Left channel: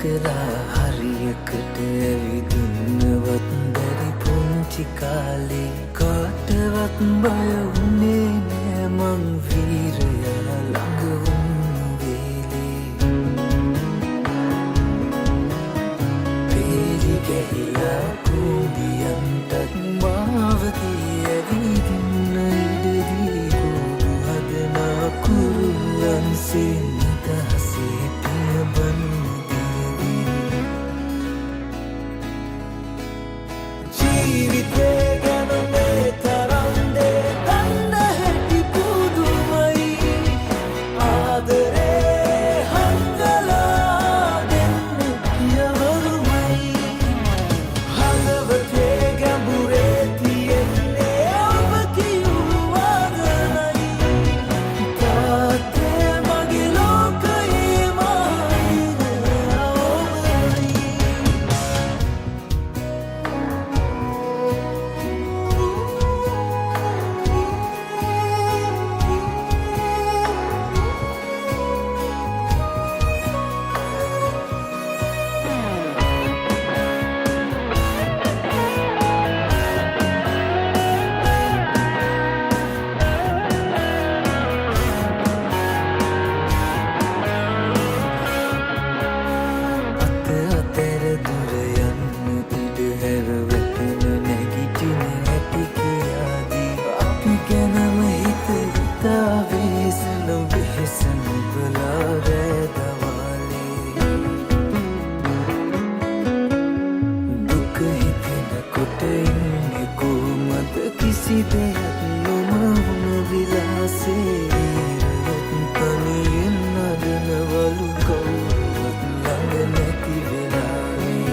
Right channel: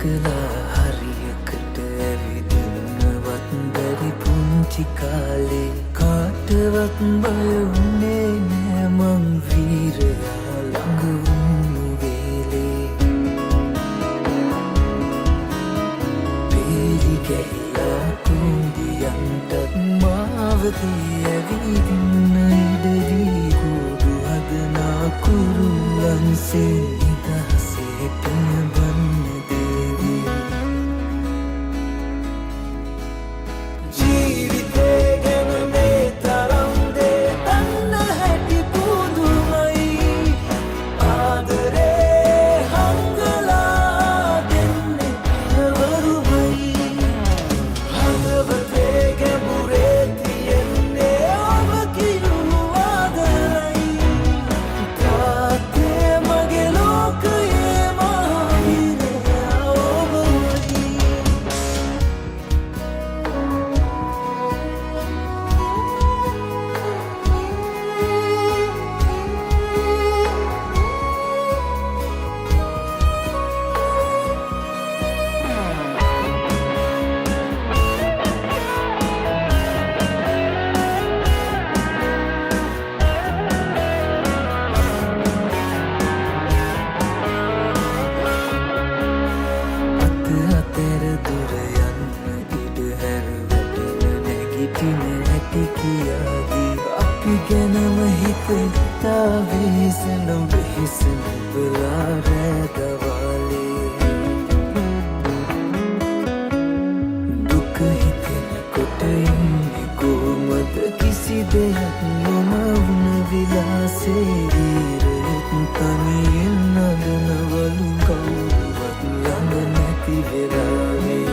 කලා හරියකට ඇවිදින්නවත් බැරි පුංචි කාලේ කාටවත් බය වුණේ නෑ මං වීරයා ළඟ වුණු වේලේ පේලි ගැහිලා කුඹියන්ටත් මාවතේ ඇවිදින්න ඉඩදී කුඩු හදනා කුරුල්ලන්සේ නිදහසේ පියබන්න දේවී ජීවිතේ ගැන මේ තරම් දේ දන්න හැටි පුදුමයි ආදරේ හංගලා දෙන්නේ පියවරුමයි හදවතේ ගැඹුරේ තියෙන්නේ ඔබ කියූ ආදනයි තාත්තේ මගේ ලෝකයේ මහවීරයා ඔබමයි අතර දුර යන්න ඉඩ හැර වැටෙන නැගිටින හැටි කියාදී අපි ගැනම හිත හිතා වෙහෙසන වෙහෙසන බලා රෑ දවාලේ දුක හිතෙනකොට ඉන්නේ කොහමද කිසි දෙයක් නොමවුන විලාසේ වීරයොත් තනියෙන් නඩනවලු කවුරුවත් ළඟ නැති වෙලාවේ